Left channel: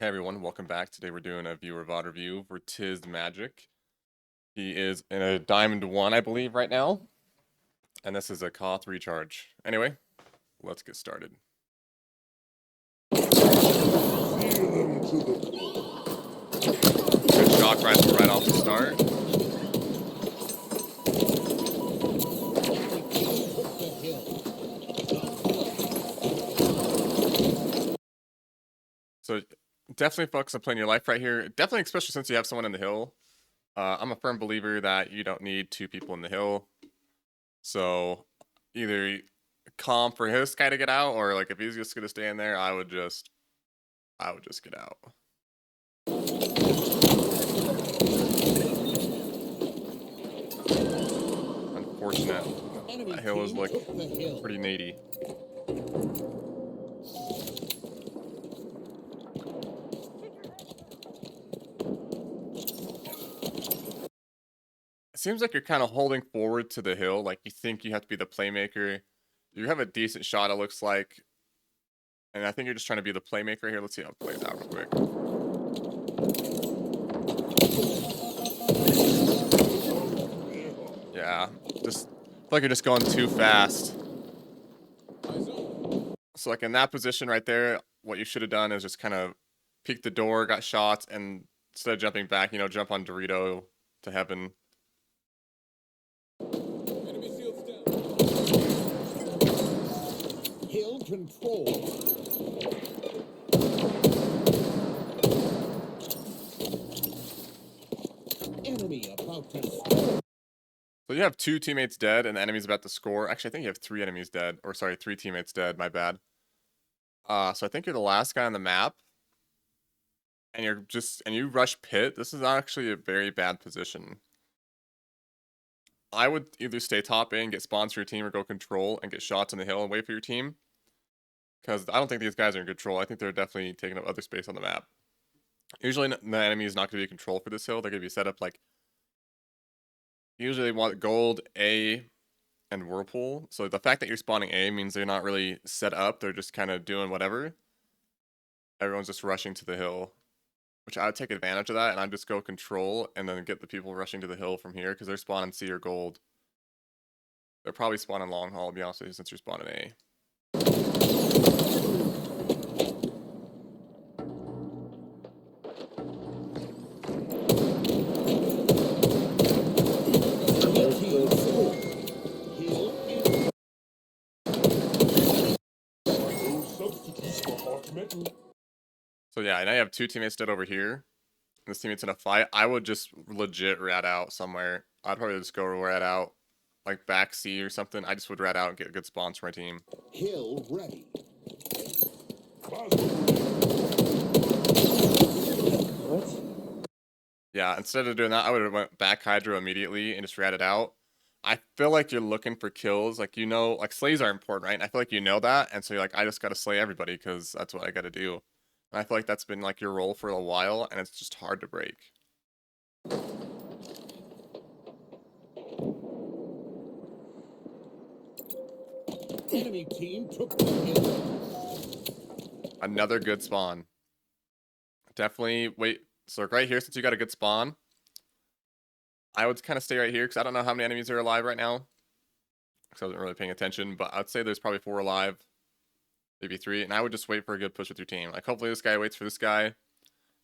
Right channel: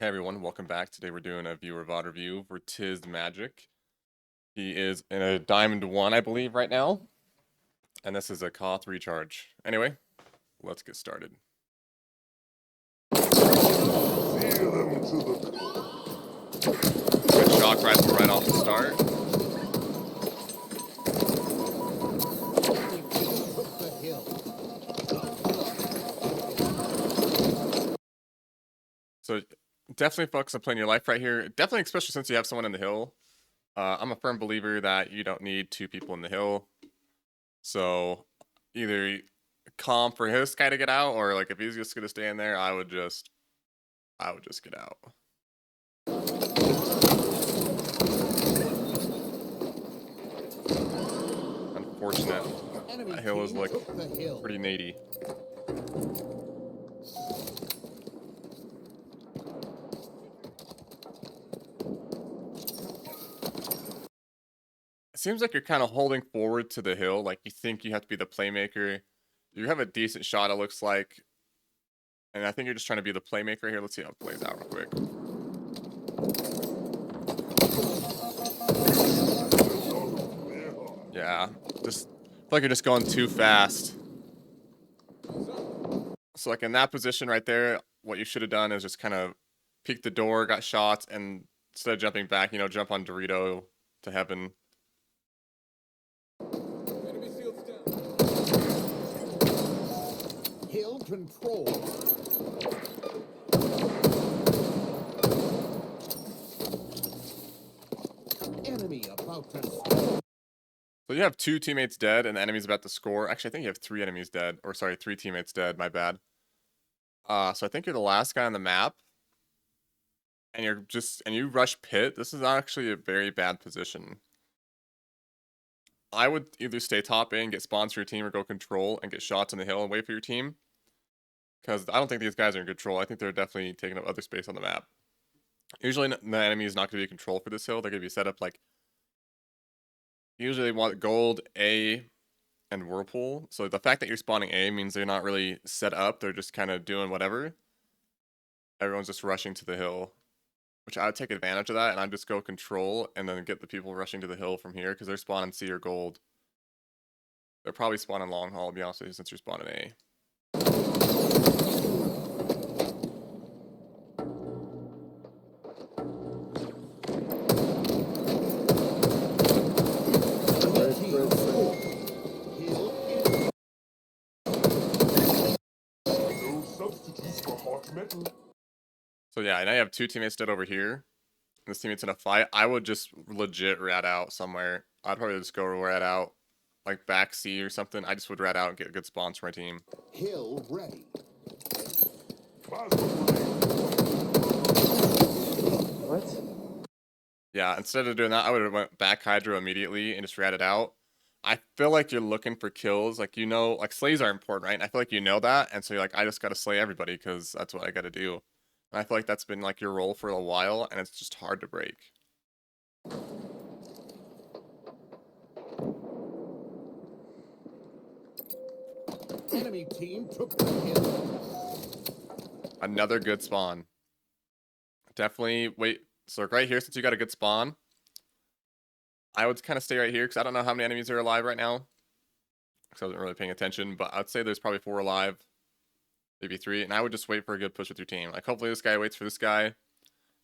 Hey everyone, welcome back. Today we're doing a viewer VOD review for Tizmagic. He is in a Diamond 1, I believe, right now. And this is a Koth recharge. Anyway, let's get started. Good shock rifle right off the start. So definitely focus on playing your life right here. Definitely, especially since you have someone in the hill. I'm a firm believer that you don't need two people in the hill. So either calm for his guy to get out, or like if he's just gonna stay in there, I would just get out. Unfortunate. That hill is like pretty nady. It seems like you're kind of holding forward to the hill, like you think you have to be the playmaker. You have a decent shot, it looks like. And I think you're just trying to be the playmaker here. Let's see how it plays out real quick. Yeah, just feel like you're just going too fast. So like in that position right there, what you should have done is just kind of peek the door, got shots, and instead of jumping back, jump on Dorito to heaven. Hill control. Enemy about to score. So you have two teammates dead and the enemy's about to score. Actually, I think you have three enemies dead. Or sorry, three teammates dead, my bad. So I think you're the last guy on the map. And you rush pit. This is actually a very bad position. I would either stay top A and get spawns for your team or go control and get shots on the hill and wait for your team. Because I don't think these guys are in control. I think they're definitely taking up other space on the map. Usually the enemy is not going to be in control for this hill. They're going to be set up like... Usually they want gold, A, and whirlpool. So the fact that you're spawning A means they're not really set up. They're just kind of doing whatever. Everyone's just rushing to the hill. Which I would take advantage of that, and I'd just go control and then get the people rushing to the hill from here because they're spawning C or gold. They're probably spawning long haul, to be honest with you, since you're spawning A. So yeah, now you have two teammates dead over here. This teammate's in a fight. I would just legit rat out somewhere. I'd probably just go rat out, like back C or something. I just would rat out and get good spawns for my team. Hill ready. What? Yeah, instead of doing that, I would have went back Hydro immediately and just ratted out. I feel like you're looking for kills. Like, like slays are important, right? And I feel like you know that. And so you're like, I just got to slay everybody because that's what I got to do. And I feel like that's been like your role for a while and it's just hard to break. Enemy team took the hill. Another good spawn. Definitely wait. So right here, since you got a good spawn, I would kind of stay right here because I don't know how many enemies are alive right now. Because I wasn't really paying attention, but I'd say there's probably 4 alive. Maybe 3, and I would just wait for a good push with your team. Like, hopefully this guy waits for this guy,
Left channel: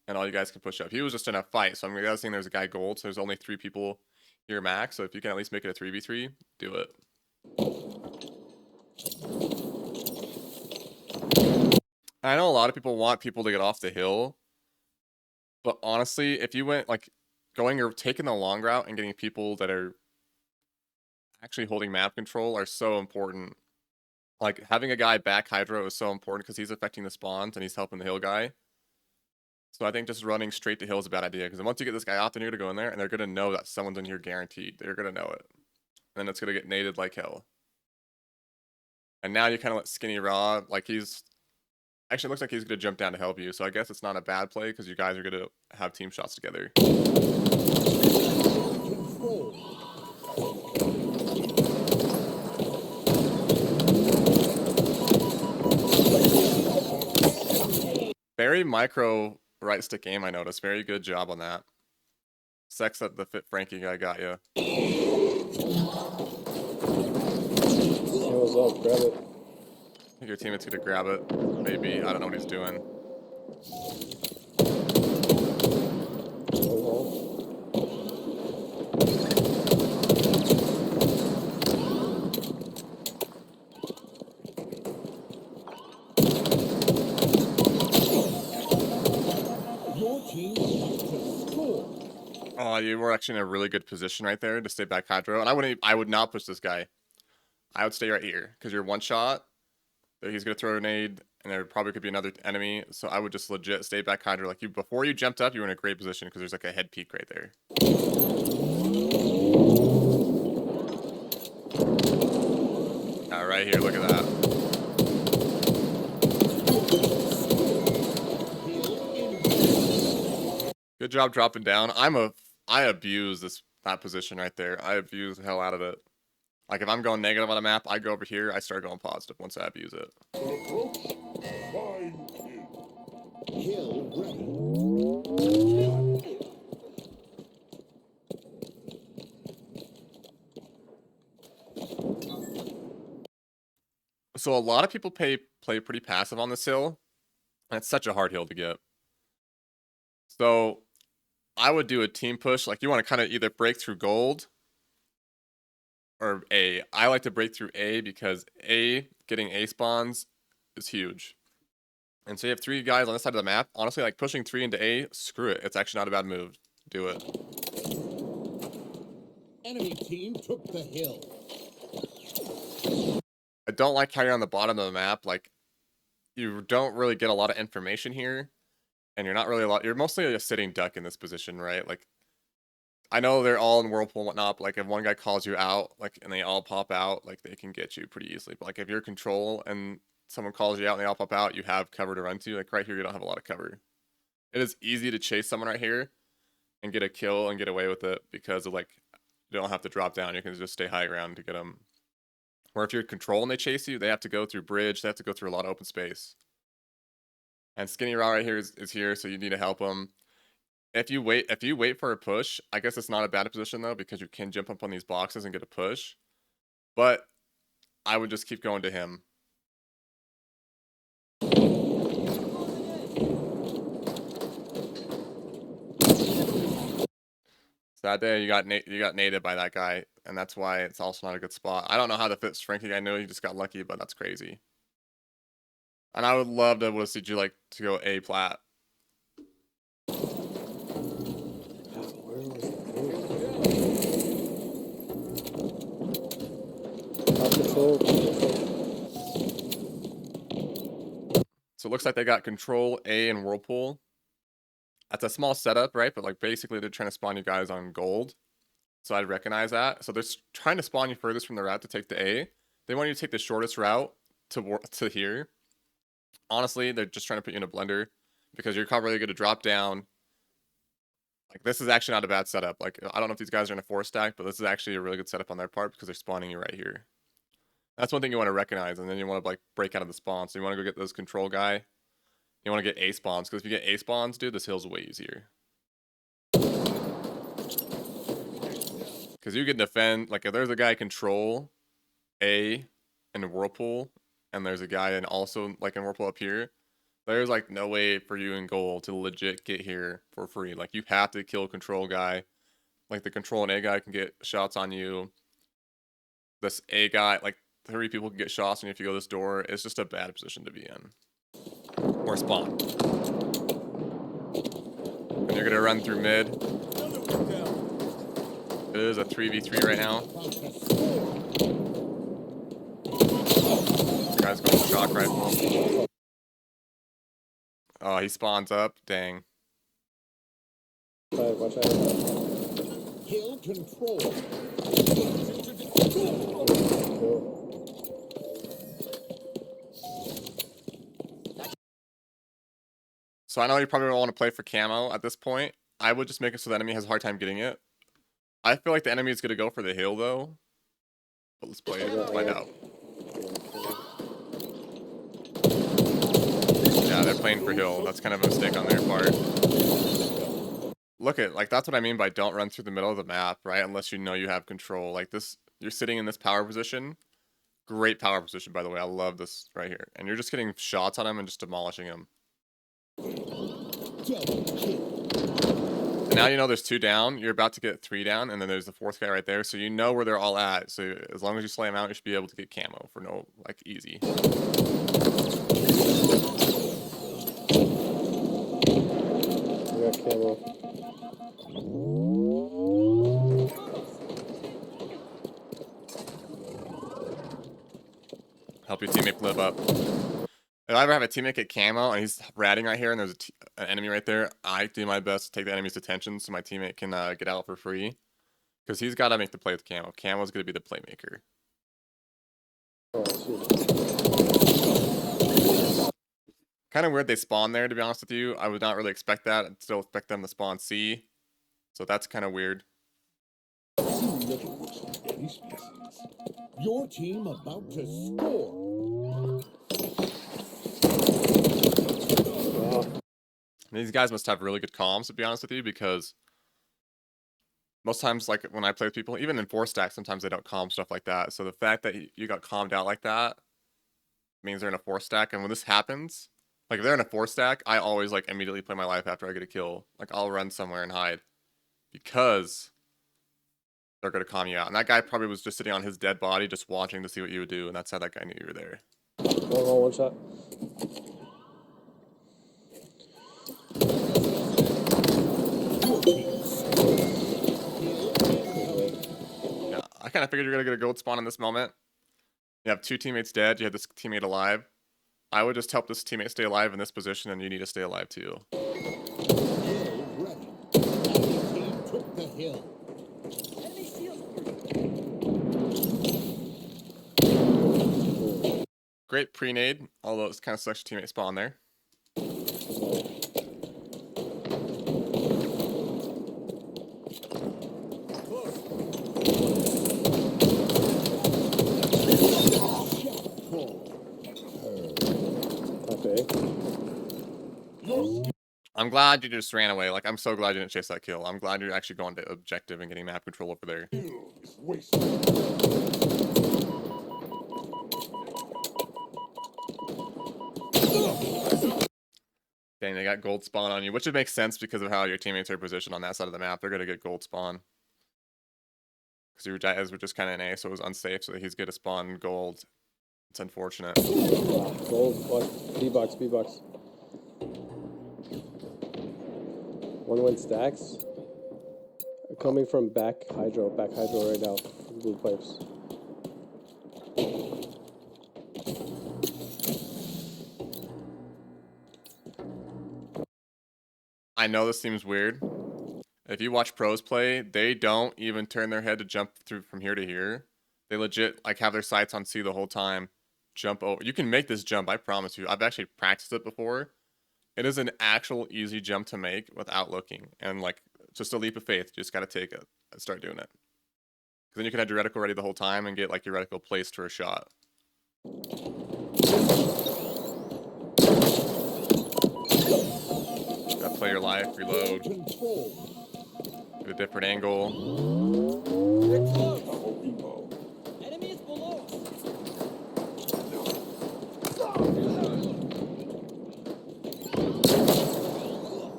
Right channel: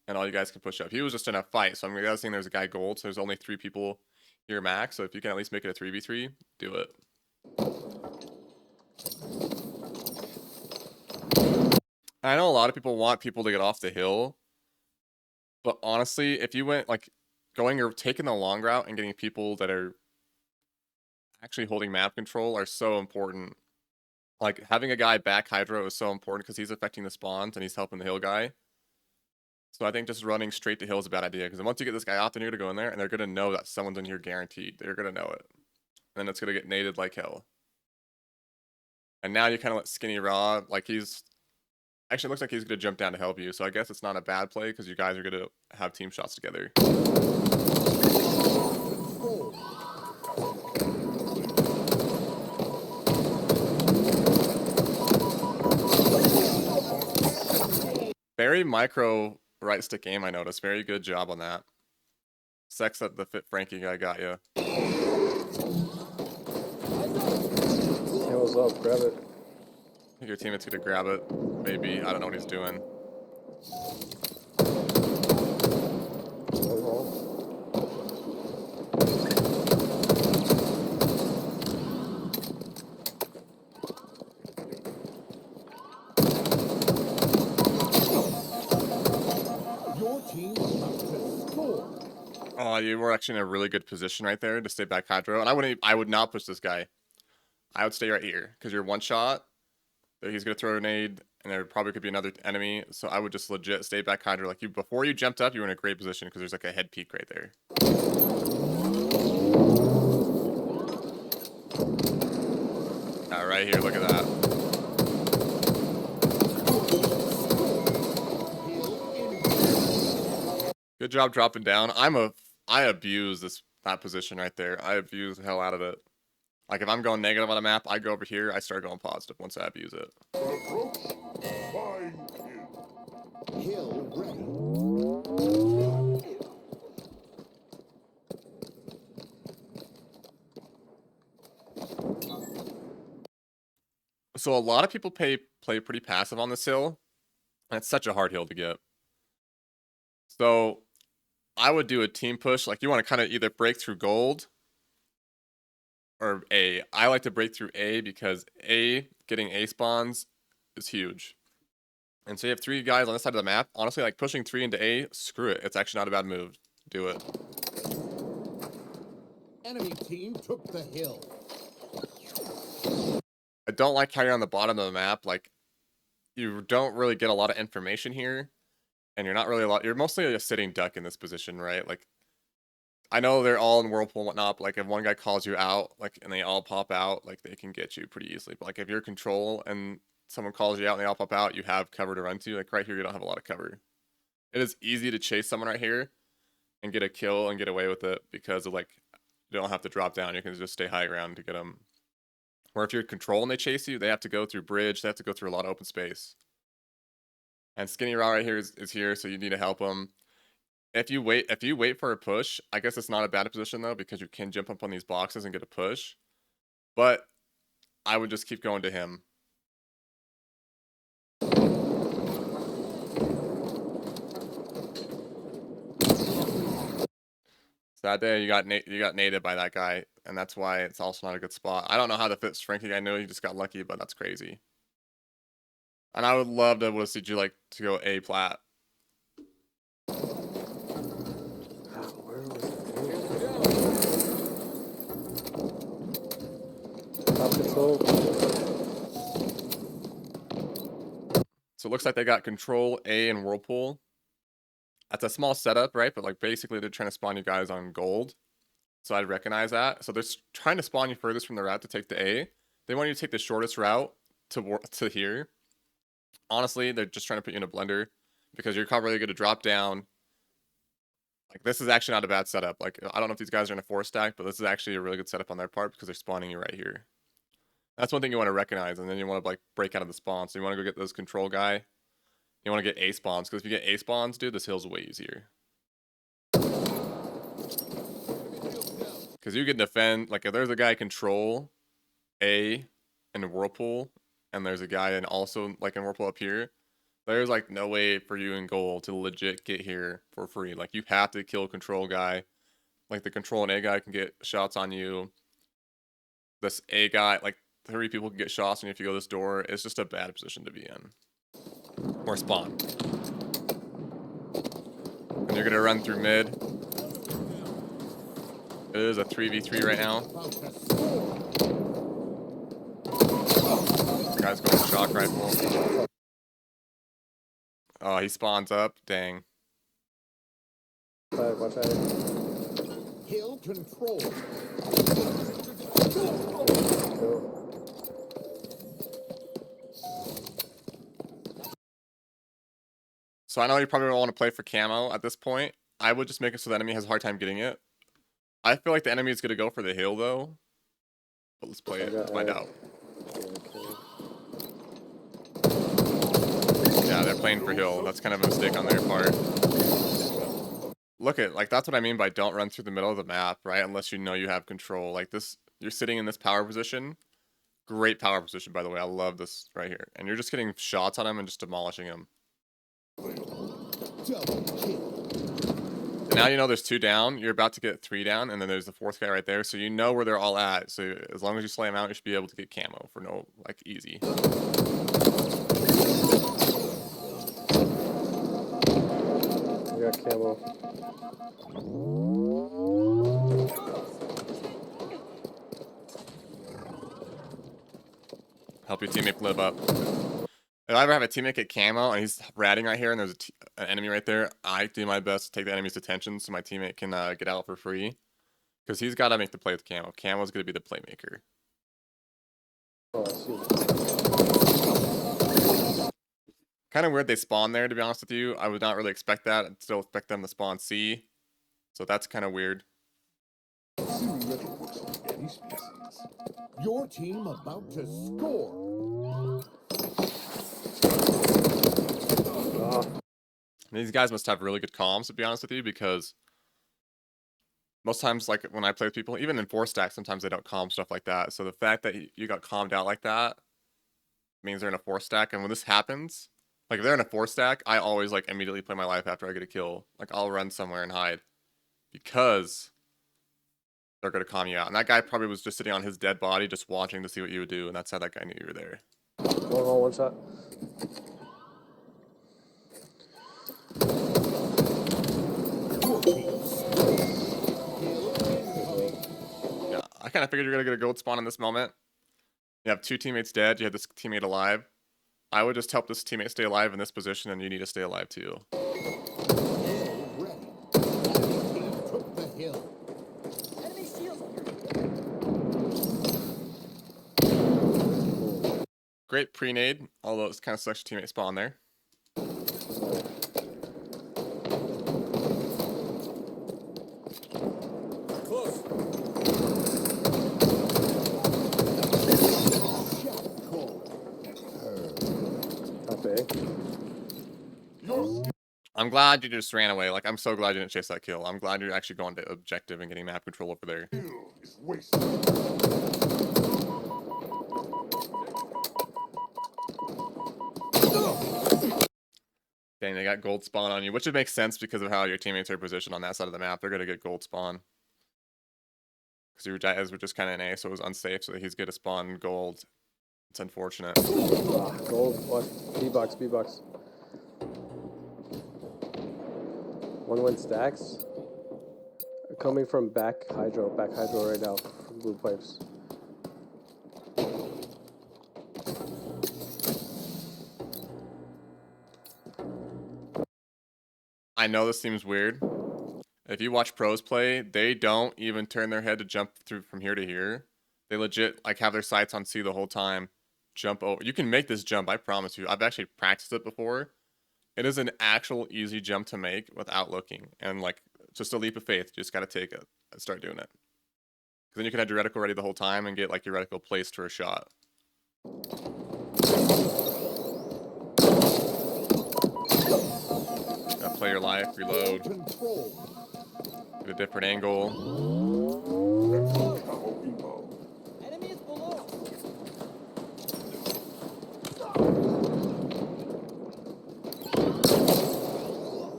and all you guys can push up. He was just in a fight, so I'm guessing there's a guy gold, so there's only 3 people here max, so if you can at least make it a 3v3, do it. I know a lot of people want people to get off the hill, but honestly, if you went, like, going or taking the long route and getting people that are actually holding map control are so important. Like, having a guy back Hydro is so important because he's affecting the spawns and he's helping the hill guy. So I think just running straight to hill is a bad idea because once you get this guy off, then you're going to go in there and they're going to know that someone's in here guaranteed. They're going to know it. And then it's going to get naded like hell. And now you kind of let Skinny Raw, like he's... Actually, it looks like he's going to jump down to help you. So I guess it's not a bad play because you guys are going to have team shots together. Very micro right stick aim, I noticed. Very good job on that. Sex at the Fit Frankie guy got you. What's up? Grab it. I think your teammate's gonna grab it. Maybe. I don't know what he's doing. Your team is about to score. Oh, you were actually in a really good position right there to stay back hydro. And I would not push this guy. I would stay right here because you're one shot. He's gonna throw a grenade, and there probably could be another enemy. So I would just legit stay back hydro. Like before you jumped up, you were in a great position because there's like a head peak right there. Right here, look at that. Good job dropping down. I abuse that position right there. I abuse the hell out of it. Like if I'm going negative on a map, I go over here, I start going positive once I abuse it. Approach. Find kill. Kill ready. So a lot of people play pretty passive on this hill, and it's such a hard hill to get. So I would do a team push. Like you want to kind of either break through gold or A. I like to break through A because A, getting A spawns is huge. And so you have 3 guys on this side of the map. Honestly, like pushing 3 into A, screw it. It's actually not a bad move. Do it. Enemy team took the hill. I don't like how you're on the bottom of the map. Like, you don't really get a lot of information here. And you're not really you're mostly a sitting duck in this position, right? Like, I know they're all in Whirlpool and whatnot, but like if one guy calls you out, like, and they all pop out, like they can get you pretty easily. But like if you're control and someone calls you out and they all pop out, you have cover to run to. Like right here, you don't have a lot of cover. It is easy to chase someone right here and get a kill and get away with it because of like, you don't have to drop down. You can just stay high ground to get them. Or if you're control and they chase you, they have to go through bridge. They have to go through a lot of open space. And Skinny Raw right here is here, so you need to help him. If you wait for a push, I guess it's not a bad position though, because you can jump up on these boxes and get a push. But I would just keep going to him. Sad day, you got naded by that guy, and that's why it's also not a good spot. I don't know how to fit Frankie. I know you just got lucky, but that's crazy. And I would love to see you like to go A plat. So it looks like they got control A and Whirlpool. That's a small setup, right? But like basically they're trying to spawn you guys on gold. So I'd recognize that. So they're trying to spawn you furthest from the route to take the A. They want you to take the shortest route to here. Honestly, they're just trying to put you in a blender because you're probably going to drop down. Like this is actually not a bad setup. Like I don't know if these guys are in a 4-stack, but this is actually a really good setup on their part because they're spawning you right here. That's one thing you want to recognize, and then you want to like break out of the spawn. So you want to go get this control guy. You want to get A spawns, because if you get A spawns, dude, this hill's way easier. Because you can defend, like if there's a guy control A in Whirlpool, and there's a guy in also like in Whirlpool up here, there's like no way for you in goal to legit get here for free. Like you have to kill control guy. Like the control and A guy can get shots on you. This A guy, like 3 people can get shots on you if you go this door. It's just a bad position to be in. Or spawn. And you're gonna run through mid. It is a 3v3 right now. The guy's going with shock rifle. Oh, he spawns up. Dang. Watch out. Hill control. So I know you probably don't want to play for camo at this point. I would just make it so the enemy has a hard time getting it. I feel like the enemy is going to go for the hill though. But let's play it to find out. Yeah, Yeah, they're playing for hill. That's kind of a mistake on their part. Look at, like, that's what I mean by don't run through the middle of the map, right? Unless you know you have control. Like this, you're sitting in this power position. Great power position, by the way. I love this right here. And you're just getting shots on him and just demolishing him. And now you know there's 2 down. You're about to get 3 down, and then there's the 4th guy right there. So you know where they're all at. So as long as you slay them out, you should be able to get camo for no, like, easy. I got camo. Help your teammate live up. If I ever have a teammate get camo and he's ratting right here and there's an enemy right there, I do my best to take the enemy's attention so my teammate can get out for free. Because he's got to make the play with camo. Camo's going to be the playmaker. Oh, shoot. Kind of weird they spawn there, to be honest with you. I would not really expect that. I'd still expect them to spawn C. So that's kind of weird. Your team about to score. These guys must have really good comms, to be honest with you, because most times, like, when I play with people, even in 4-stack, sometimes they don't calm stuff like that. So the fact that you got calmed out like that means they're in a 4-stack. And when this happens, like, if they're in a 4-stack, I always, like, immediately play my life after I get a kill. Like, I'll run somewhere and hide. Because they're going to calm you out. And that guy probably was just sitting on his dead body just watching to see what you would do. And that's how that guy knew you were there. One shot. Yeah, I kind of figured you're going to get a gold spawn in this moment. You have 2 teammates dead. You have this teammate alive. I would just help this teammate stay alive in this position, and you need to stay alive too. Great pre-nade, although it's kind of such a teammate spawn there. I'm glad you just ran away. Like, I'm so glad you didn't chase that kill. I'm glad you're actually going to objective and getting map control over there. Dang, they got gold spawn on you, which would make sense because of how your teammates are positioned on that side of the map. They're going to get gold spawn. Because your guys were just kind of in A, so it was unsafe, so he's going to spawn gold. It's unfortunate. Gold, one. B-box, B-box. One went stacks. Coming from back hydro right now. From blue pipes. I know this seems weird. If you watch pros play, they don't even turn their head to jump through from here to here. They legit like have their sights on C the whole time. Jump over. You can make this jump, I promise you. I've actually practiced it before. It is an actual easy jump to make without looking. And like, just a leap of faith. You just got to take it and start doing it. Because then you can have your reticle ready the whole time and get like your reticle placed for a shot. Gotta play your life, reload. Get a different angle.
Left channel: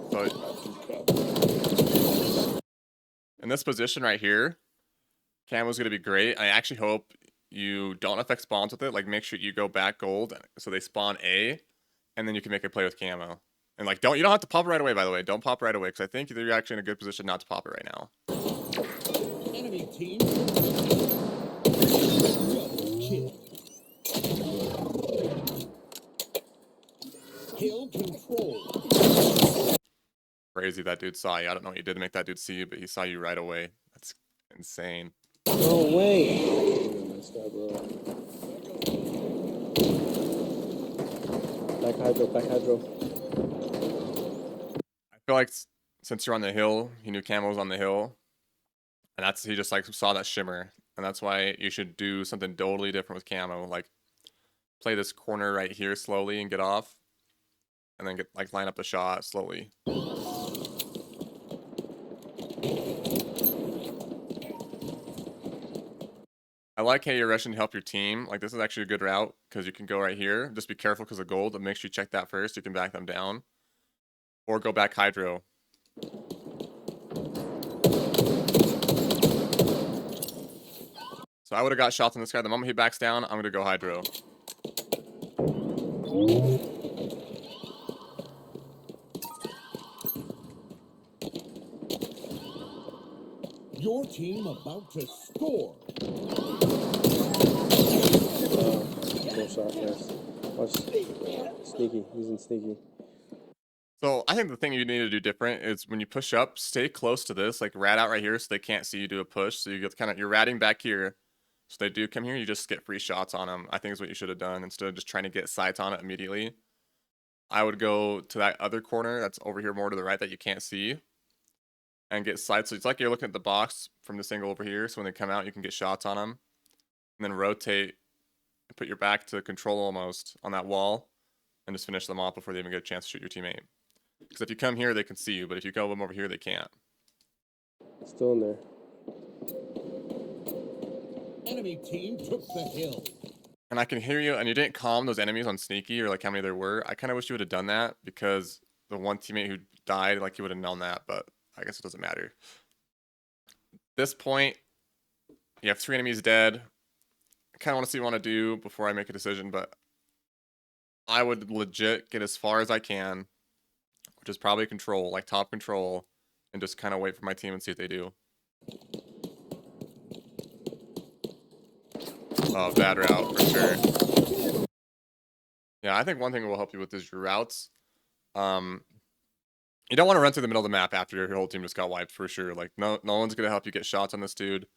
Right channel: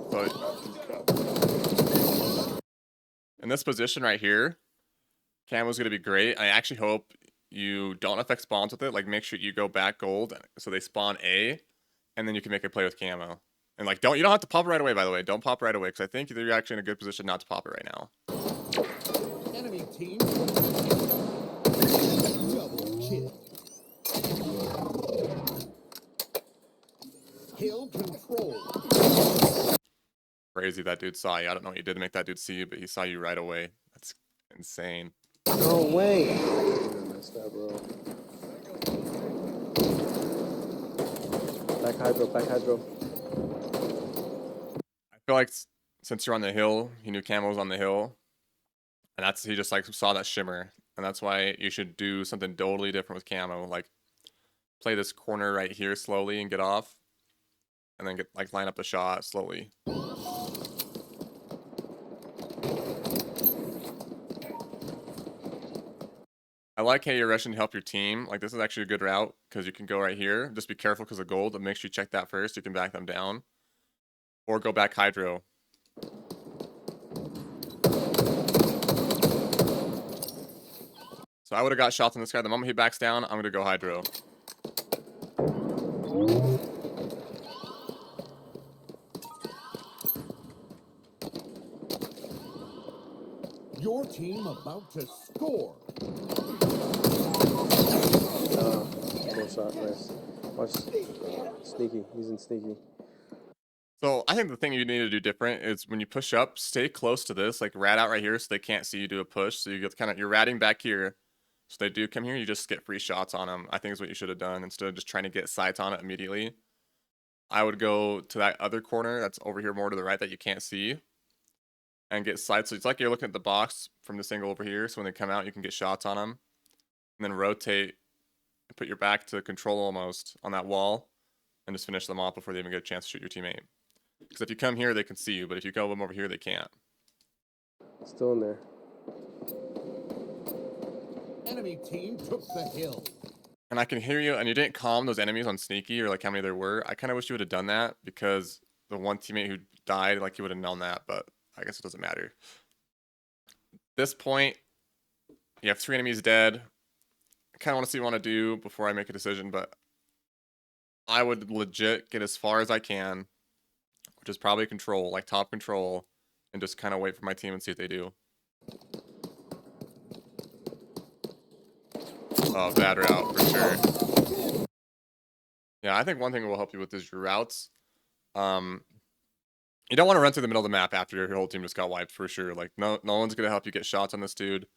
So, in this position right here, camo's gonna be great. I actually hope you don't affect spawns with it. Like, make sure you go back gold so they spawn A, and then you can make a play with camo. And like, you don't have to pop it right away, by the way. Don't pop right away, because I think you're actually in a good position not to pop it right now. Enemy team. Hill control. Crazy that dude saw you. I don't know what you did to make that dude see you, but he saw you right away. That's insane. No way. Missed that, bro. Back hydro. I feel like since you're on the hill, he knew camo was on the hill, and he just like saw that shimmer, and that's why you should do something totally different with camo. Like, play this corner right here slowly and get off. and then get like line up the shot slowly. I like how you're rushing to help your team. Like, this is actually a good route because you can go right here. Just be careful because of gold, but make sure you check that first. You can back them down. Or go back hydro. So I would have got shots on this guy. The moment he backs down, I'm going to go hydro. Your team about to score. Full shot, nice. Watch. Sneaky. He's in sneaky. So I think the thing you need to do different is when you push up, stay close to this, like rat out right here so they can't see you do a push. So you get you're ratting back here. So they do come here, you just get free shots on them. I think is what you should have done instead of just trying to get sights on it immediately. I would go to that other corner that's over here more to the right that you can't see and get sights. So it's like you're looking at the box from this angle over here. So when they come out, you can get shots on them. And then rotate and put your back to control almost on that wall and just finish them off before they even get a chance to shoot your teammate. Because if you come here, they can see you, but if you go them over here, they can't. Still in there. Enemy team took the hill. And I can hear you, and you didn't calm those enemies on sneaky or like how many there were. I kind of wish you would have done that because the one teammate who died, like you would have known that, but I guess it doesn't matter. At this point, you have 3 enemies dead. I kind of want to see what I want to do before I make a decision, but I would legit get as far as I can, which is probably control, like top control, and just kind of wait for my team and see what they do. Oh, bad route for sure. Yeah, I think one thing that will help you with is your routes. You don't want to run through the middle of the map after your whole team just got wiped for sure. Like no one's gonna help you get shots on this dude.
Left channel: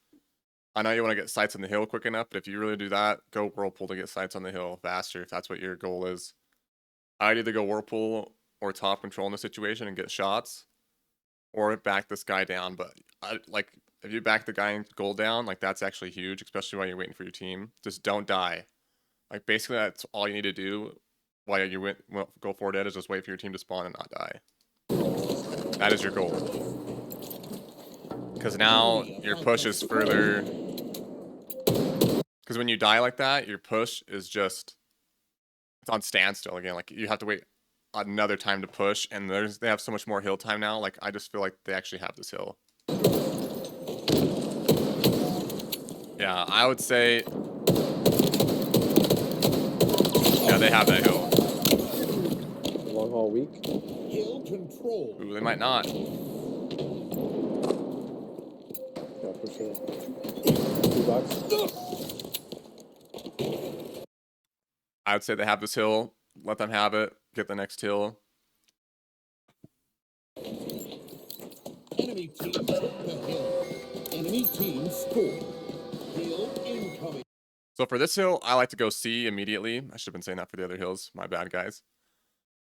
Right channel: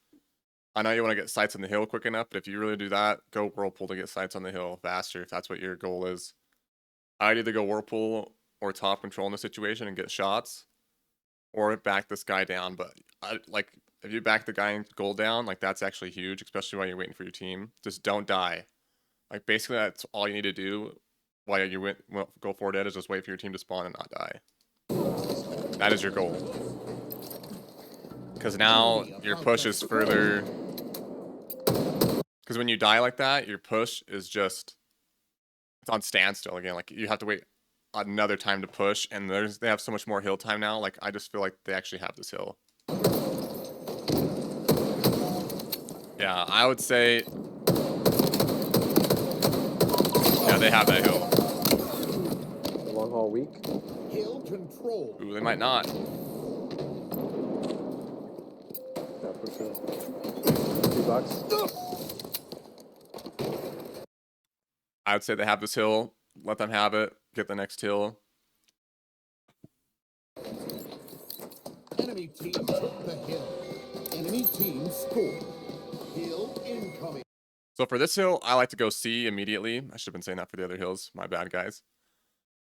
I know you want to get sights on the hill quick enough, but if you really do that, go whirlpool to get sights on the hill faster if that's what your goal is. I'd either go whirlpool or top control in the situation and get shots, or back this guy down. But like if you back the guy in gold down, like that's actually huge, especially while you're waiting for your team. Just don't die. Like basically that's all you need to do while you go forward is just wait for your team to spawn and not die. That is your goal. Because now your push is further. Because when you die like that, your push is just it's on standstill again. Like you have to wait another time to push, and they have so much more hill time now. Like I just feel like they actually have this hill. Yeah, I would say. Yeah, they have that hill. The long haul weak. Hill control. Ooh, they might not. Yeah, for sure. 2 box. I would say they have this hill. Let them have it. Get the next hill. Enemy team took the hill. Enemy team scored. Hill incoming. So for this hill, I like to go C immediately. I should have been saying that for the other hills. My bad, guys.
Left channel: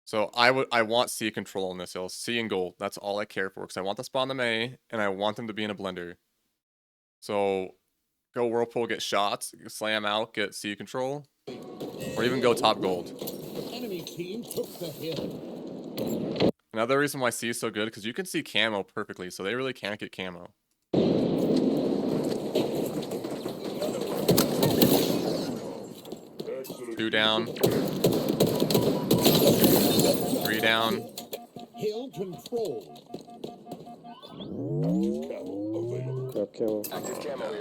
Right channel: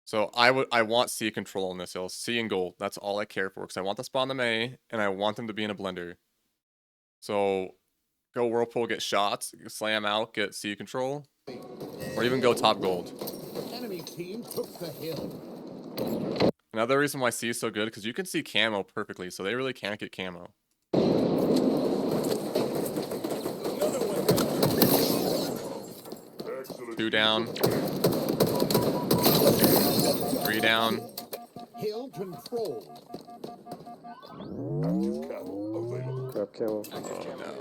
So I want C control on this hill. C and gold. That's all I care for because I want to spawn them A and I want them to be in a blender. So go whirlpool, get shots, slam out, get C control, or even go top gold. Enemy team took the hill. Another reason why C is so good because you can see camo perfectly, so they really can't get camo. 2 down. 3 down. Hill control. Grab camo. Oh no.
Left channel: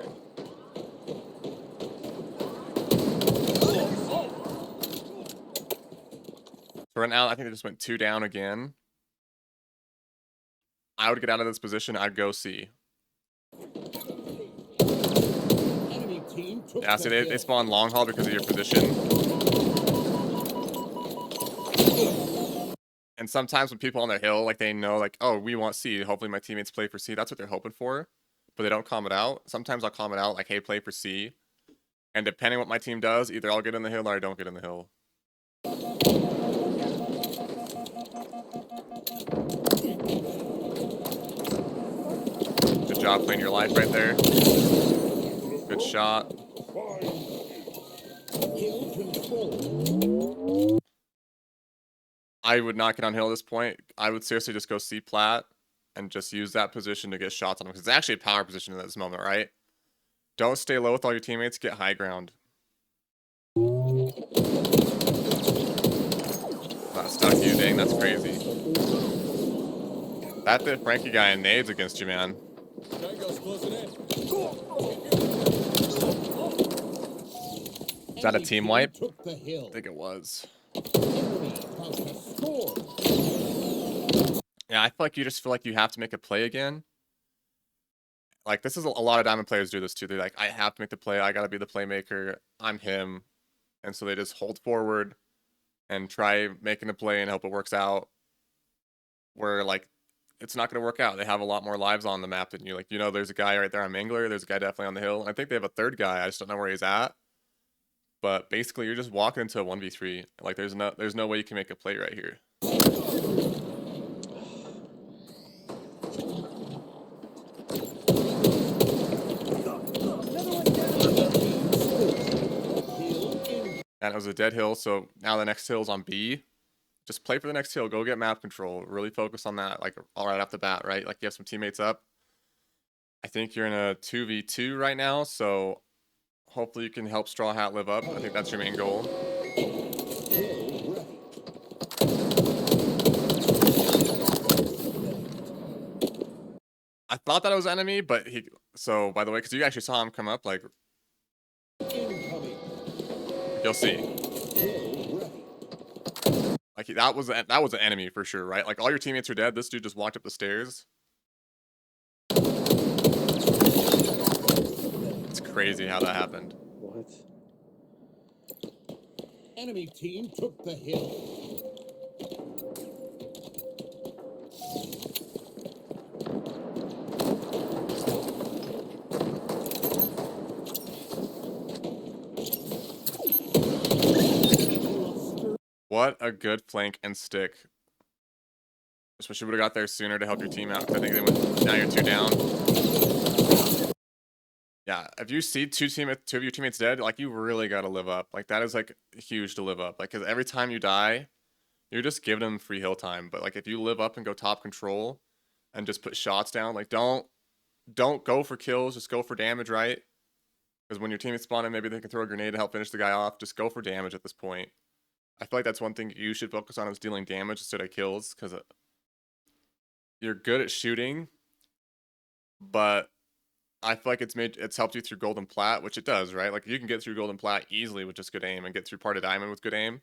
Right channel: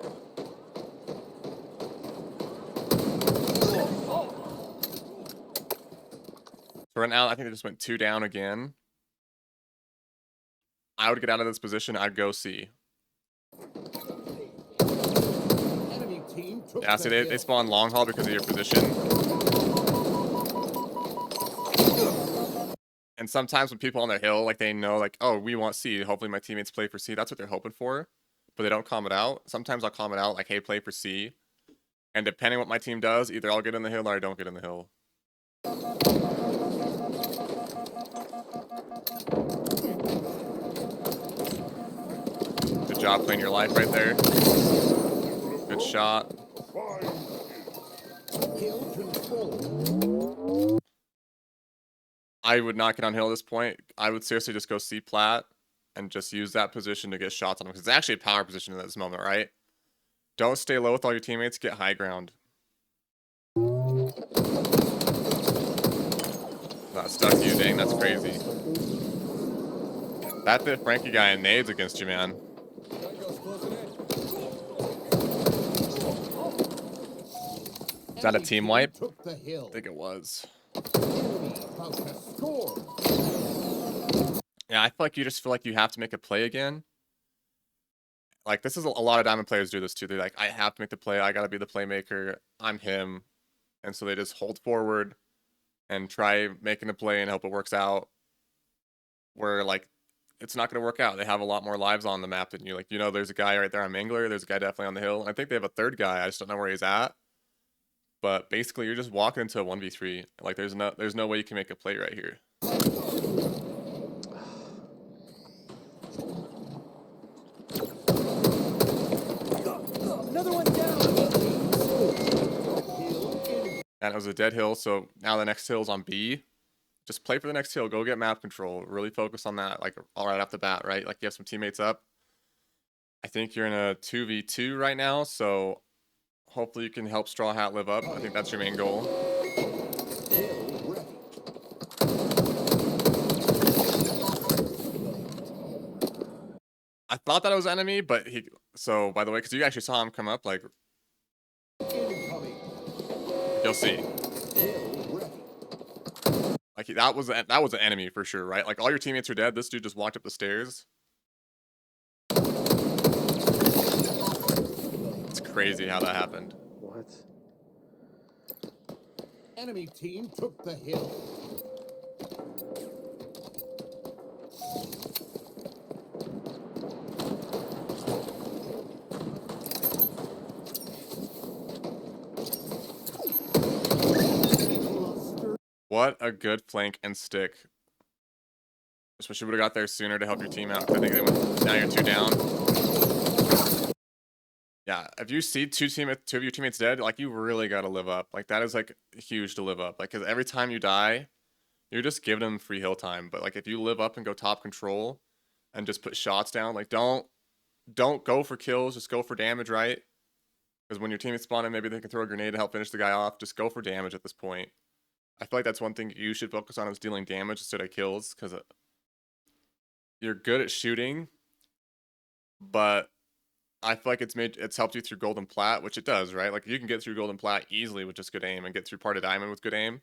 So right now, I think they just went 2 down again. I would get out of this position. I'd go C. Enemy team took Yeah, the see, hill. they spawn long haul because of your position. And sometimes when people on their hill, like they know, like, oh, we want C. Hopefully my teammates play for C. That's what they're hoping for. But they don't calm it out. Sometimes I'll calm it out, like, hey, play for C. And depending what my team does, either I'll get in the hill or I don't get in the hill. Good job playing your life right there. Good shot. Hill control. I would not get on hill at this point. I would seriously just go C plat and just use that position to get shots on him, because it's actually a power position in this moment, right? Don't stay low with all your teammates. Get high ground. Not stuck you. Dang, that's crazy. That bit Frankie guy in nades against you, man. Is that a team wipe? Took the hill. I think it was. Enemy about to score. Yeah, I feel like you just feel like you have to make a play again. Like, this is a lot of Diamond players do this too. They're like, I have to make the play. I got to be the playmaker. I'm him. And so they just hold forward and try making a play and hope it works out. Where, like, it's not going to work out. They have a lot more lives on the map than you. Like, you know, there's a guy right there on Mangler. There's a guy definitely on the hill. I think they have a third guy. I just don't know where he's at. But basically, you're just walking into a 1v3. Like, there's no way you can make a play right here. And it was a dead hill, so now the next hill's on B. Just play for the next hill. Go get map control. Really focus on that, like, all right off the bat, right? Like, you have some teammates up. I think you're in a 2v2 right now, so hopefully you can help Straw Hat live up. I think that's your main goal. I thought that it was enemy, but he... So, by the way, because you actually saw him come up, like... You'll see. Like, that was an enemy for sure, right? Like, all your teammates are dead. This dude just walked up the stairs. It's crazy how that happened. What? Enemy team took the hill. What a good flank and stick. Just wish you would have got there sooner to help your team out, because I think they went... Now you're 2 down. Yeah, if you see two of your teammates dead, like, you really got to live up. Like, that is, like, huge to live up. Like, because every time you die, you're just giving them free hill time. But, like, if you live up and go top control and just put shots down, like, don't go for kills, just go for damage, right? Because when your teammates spawn in, maybe they can throw a grenade to help finish the guy off. Just go for damage at this point. I feel like that's one thing you should focus on, is dealing damage instead of kills, because you're good at shooting, but I feel like it's helped you through Golden Plat, which it does, right? Like, you can get through Golden Plat easily with just good aim, and get through part of Diamond with good aim.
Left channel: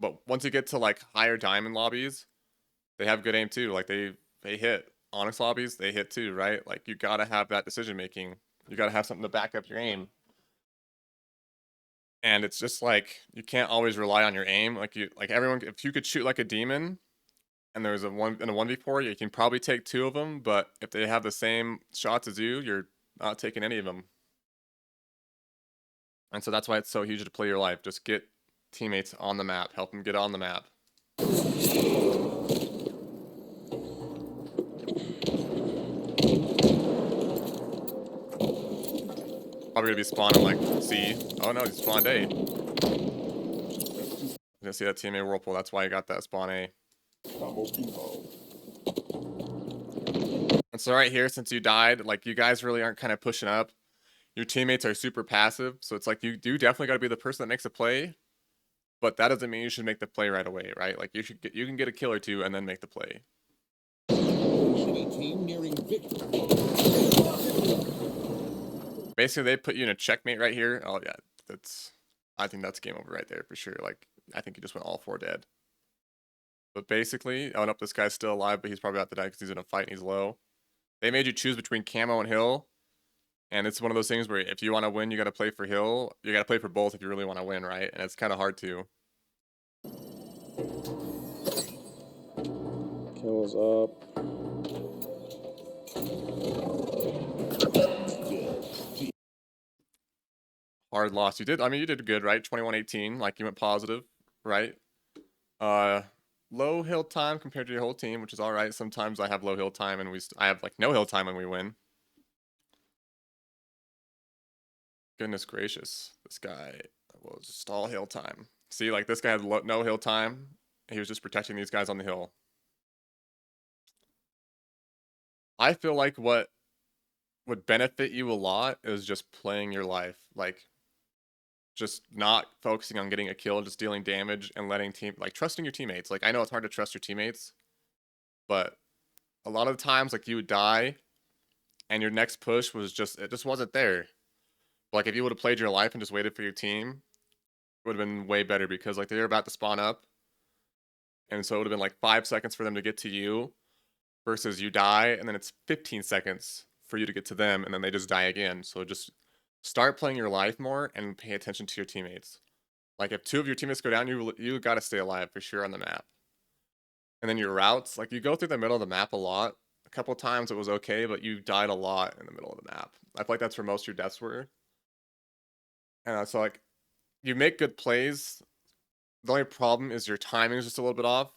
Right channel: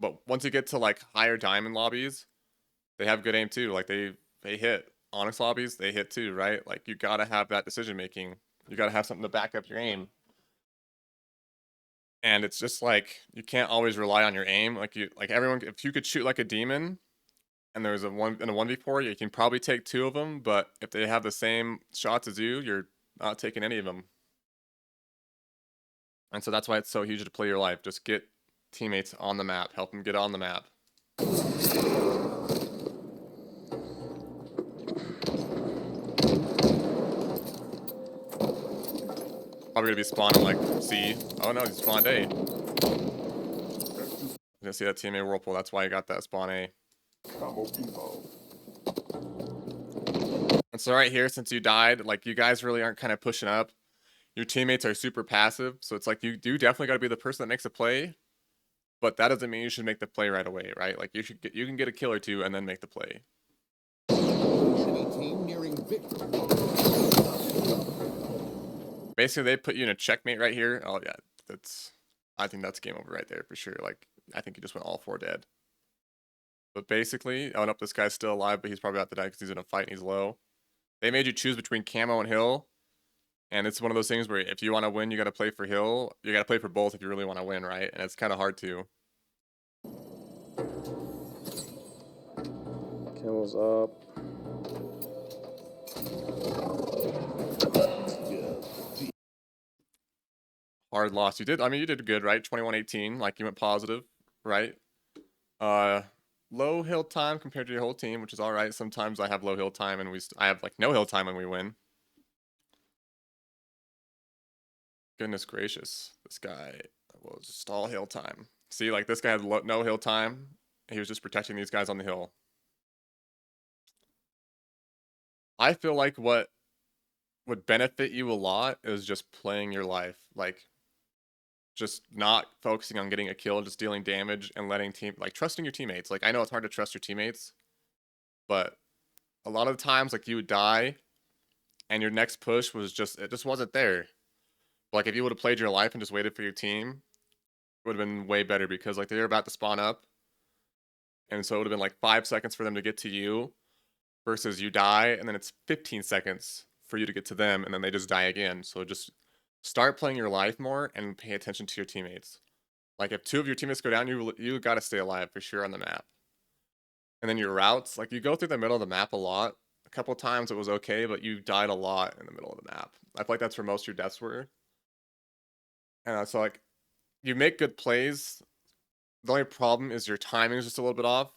But once you get to, like, higher Diamond lobbies, they have good aim too. Like, they hit. Onyx lobbies, they hit too, right? Like, you gotta have that decision making. You gotta have something to back up your aim. And it's just like, you can't always rely on your aim. Like, everyone, if you could shoot like a demon, and there's in a 1v4, you can probably take 2 of them, but if they have the same shots as you, you're not taking any of them. And so that's why it's so huge to play your life. Just get teammates on the map. Help them get on the map. Probably gonna be spawning like C. Oh no, he spawned A. You gonna see that teammate whirlpool. That's why you got that spawn A. And so right here, since you died, like, you guys really aren't kind of pushing up. Your teammates are super passive, so it's like, you do definitely got to be the person that makes a play, but that doesn't mean you should make the play right away, right? Like, you can get a kill or 2 and then make the play. Enemy team nearing victory. Basically, they put you in a checkmate right here. Oh yeah, I think that's game over right there for sure. Like, I think he just went all 4 dead. But basically, oh nope, this guy's still alive, but he's probably about to die because he's in a fight and he's low. They made you choose between camo and hill. And it's one of those things where if you want to win, you got to play for hill. You got to play for both if you really want to win, right? And it's kind of hard to. Camel's up. Hard loss. You did good, right? 21-18, like, you went positive, right? Low hill time compared to your whole team, which is all right. Sometimes I have low hill time and I have, like, no hill time when we win. Goodness gracious, this guy was just all hill time. See, like, this guy had no hill time. He was just protecting these guys on the hill. I feel like what would benefit you a lot is just playing your life. Like, just not focusing on getting a kill, just dealing damage and letting trusting your teammates. Like, I know it's hard to trust your teammates, but a lot of the times, like, you would die and your next push was it just wasn't there. Like, if you would have played your life and just waited for your team, it would have been way better because, like, they're about to spawn up. And so it would have been like 5 seconds for them to get to you versus you die, and then it's 15 seconds for you to get to them, and then they just die again. So just start playing your life more and pay attention to your teammates. Like, if 2 of your teammates go down, you got to stay alive for sure on the map. And then your routes, like, you go through the middle of the map a lot. A couple times it was okay, but you died a lot in the middle of the map. I feel like that's where most of your deaths were. And so, like, you make good plays. The only problem is your timing is just a little bit off.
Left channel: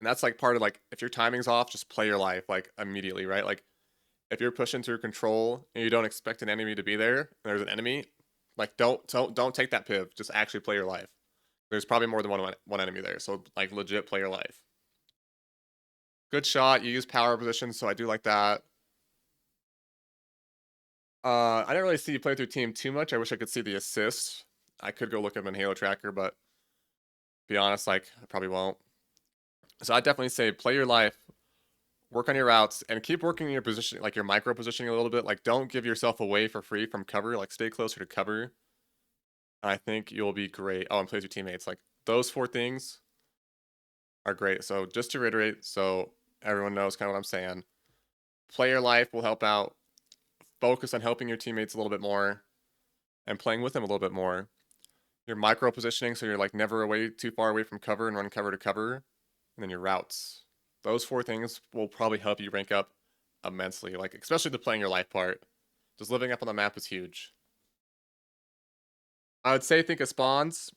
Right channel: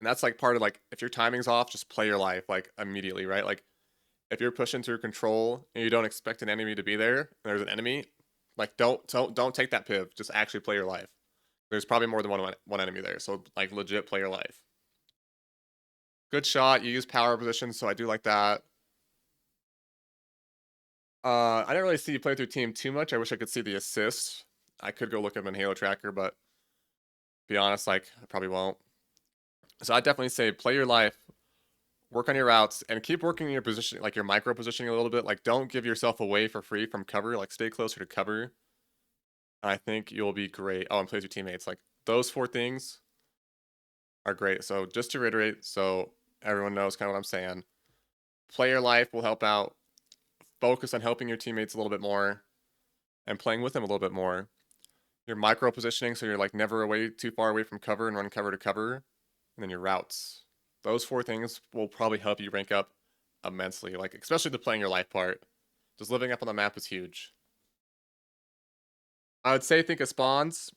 And that's like part of, like, if your timing's off, just play your life like immediately, right? Like, if you're pushing through control and you don't expect an enemy to be there, and there's an enemy, like, don't take that piv. Just actually play your life. There's probably more than one enemy there, so, like, legit play your life. Good shot. You use power position, so I do like that. I didn't really see you play through team too much. I wish I could see the assists. I could go look at them in Halo Tracker, but to be honest, like, I probably won't. So I'd definitely say play your life, work on your routes, and keep working your position, like your micro positioning a little bit. Like, don't give yourself away for free from cover. Like, stay closer to cover. And I think you'll be great. Oh, and play with your teammates. Like, those 4 things are great. So just to reiterate, so everyone knows kind of what I'm saying. Play your life will help out. Focus on helping your teammates a little bit more and playing with them a little bit more. Your micro positioning, so you're like never too far away from cover and run cover to cover. And then your routes. Those 4 things will probably help you rank up immensely, like, especially the playing your life part. Just living up on the map is huge. I would say think of spawns.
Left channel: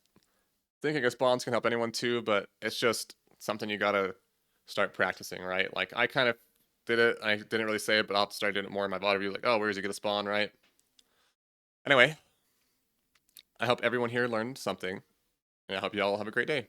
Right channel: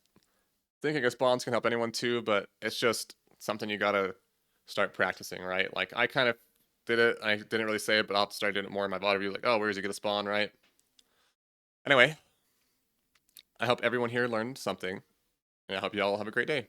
Thinking of spawns can help anyone too, but it's just something you gotta start practicing, right? Like, I kind of did it. I didn't really say it, but I'll start doing it more in my VOD review. Like, oh, where does he get a spawn, right? Anyway, I hope everyone here learned something, and I hope you all have a great day.